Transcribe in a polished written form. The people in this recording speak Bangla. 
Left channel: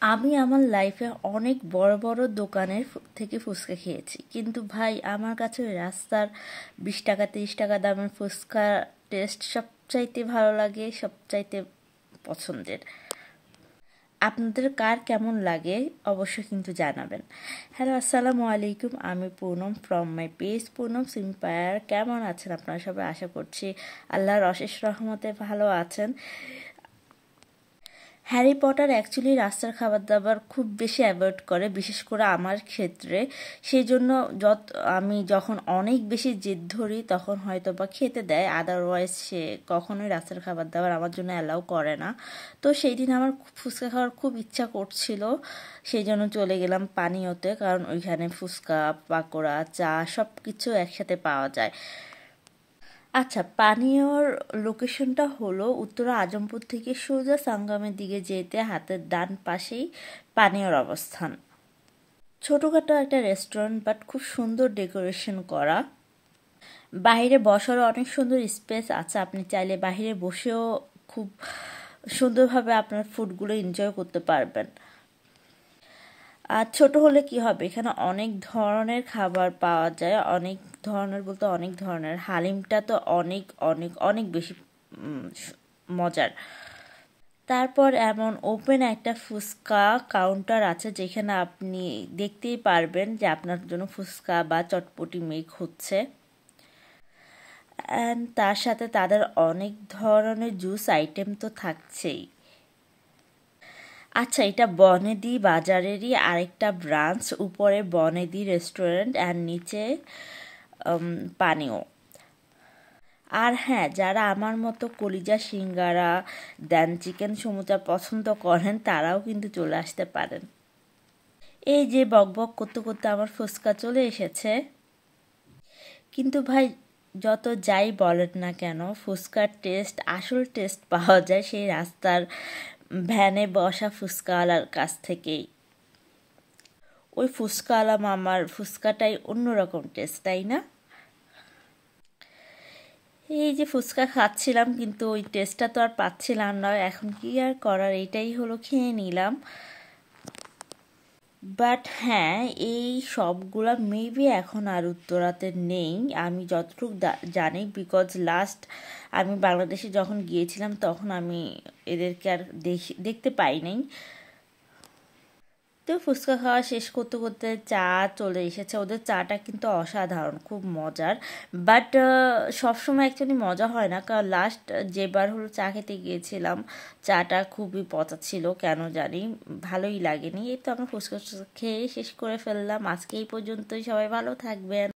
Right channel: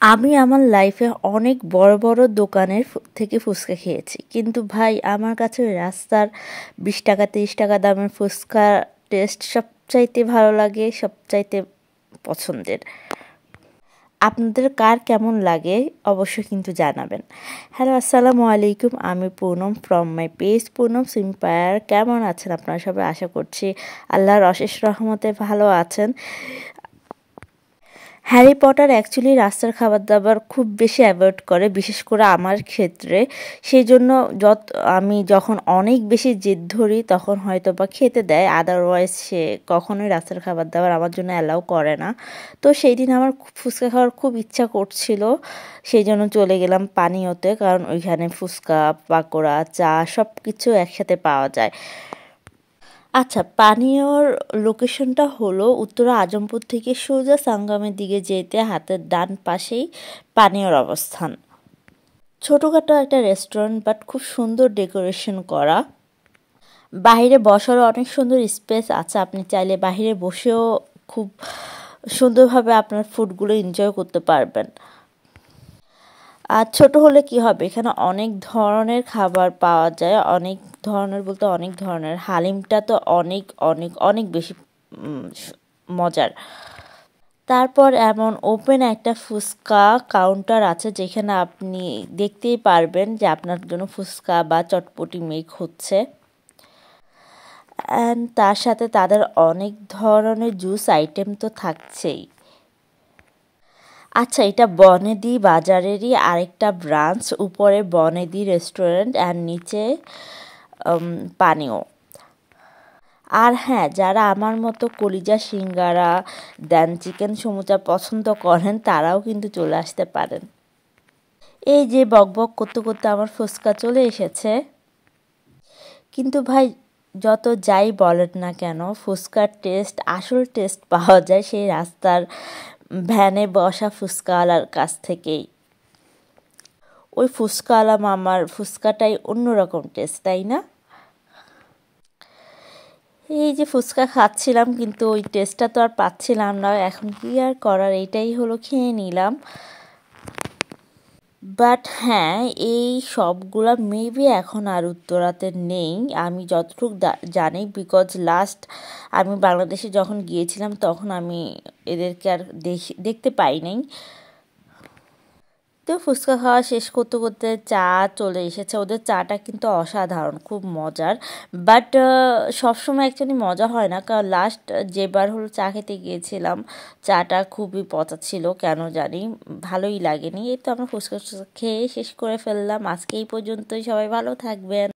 আমি আমার লাইফে অনেক বড় বড় দোকানের থেকে ফুচকা খেয়েছি, কিন্তু ভাই আমার কাছে ওই রাস্তার 20 টাকা 30 টাকা দামের ফুচকা টেস্ট সবচাইতে ভালো লাগে, সবচাইতে পছন্দের। আপনাদের কার কেমন লাগে অবশ্যই কিন্তু জানাবেন। হ্যালো, আসসালামু আলাইকুম, আমি Poonam from my page Poonam সিম্পায়ার। কেমন আছেন আপনারা সবাই? আশা করছি আল্লাহর অশেষ রহমতে ভালো আছেন। হ্যারি পটার অ্যাকচুয়ালি রাস্তার খাবার দাবার খুব বেশি অ্যাভয়েড করে, বিশেষ করে আমার ক্ষেত্রে। সেই জন্য আমি যখন অনেক বেশি জেদ ধরি তখন হয়তো বা খেতে দেয়, আদারওয়াইজ সে কখনোই রাস্তার খাবার দাবার আমার জন্য অ্যালাউ করে না। তো সেই দিন আমার ফুচকা খাওয়ার খুব ইচ্ছা করছিল, সেই জন্য চলে গেলাম পানীয়তে, কারণ ওইখানে ফুচকা, পাকোড়া, চা সব কিছু একসাথে পাওয়া যায়। আচ্ছা, পানীয়র লোকেশনটা হলো উত্তরা আজমপুর থেকে সোজা সাঙ্গামের দিকে যেতে হাতের ডান পাশেই পানীয়র অবস্থান। ছোটোখাটো একটা রেস্টুরেন্ট, বাট খুব সুন্দর ডেকোরেশন করা। বাইরে বসারও অনেক সুন্দর স্পেস আছে, আপনি চাইলে বাইরে বসেও খুব সুন্দরভাবে আপনার ফুডগুলো এনজয় করতে পারবেন। আর ছোট হলে কি হবে, এখানে অনেক ধরনের খাবার পাওয়া যায়, অনেক ধরনের বলতে অনেক ধরনের। হালিমটা তো অনেক অনেক অনেক বেশি মজার। তারপর এমন ওপেন একটা ফুচকা কাউন্টার আছে, যেখানে আপনি দেখতেই পারবেন যে আপনার জন্য ফুচকা বা চটপটি মেক হচ্ছে। তার সাথে তাদের অনেক ধরনের জুস আইটেম তো থাকছেই। আচ্ছা, এটা বনেদি বাজারেরই আরেকটা ব্রাঞ্চ, উপরে বনেদি রেস্টুরেন্ট আর নিচে পানীয়। আর হ্যাঁ, যারা আমার মতো কলিজা সিঙ্গারা দেন চিকেন সমুচা পছন্দ করেন তারাও কিন্তু চলে আসতে পারেন। এই যে বকবক করতে করতে আমার ফুচকা চলে এসেছে। কিন্তু ভাই, যত যাই বলেন না কেন, ফুচকার টেস্ট, আসল টেস্ট পাওয়া যায় সেই রাস্তার ভ্যানে বসা ফুচকাওয়ালার কাছ থেকেই। ওই ফুচকাওয়ালা মামার ফুচকাটাই অন্যরকম টেস্ট, তাই না? এই যে ফুচকা খাচ্ছিলাম, কিন্তু ওই টেস্টটা তো আর পাচ্ছিলাম না। এখন কি আর করার, এইটাই হলো, খেয়ে নিলাম। বাট হ্যাঁ, এই সবগুলা মেবি এখন আর উত্তরাতে নেই, আমি যতটুকু জানি, বিকজ লাস্ট আমি বাংলাদেশে যখন গিয়েছিলাম তখন আমি এদেরকে আর দেখতে পাই নাই। তো ফুচকা খাওয়া শেষ করতে করতে চা চলে এসেছে। ওদের চাটা কিন্তু অসাধারণ, খুব মজার। বাট সবসময় অ্যাকচুয়ালি মজা হয় না, কারণ লাস্ট যেবার হলো চা খেতে গিয়েছিলাম, চাটা খুবই পচা ছিল, কেন জানি ভালোই লাগেনি। এই তো আমরা ফুচকা খেয়ে শেষ করে ফেললাম। আজকে এই পর্যন্তই, সবাই ভালো থাকবেন।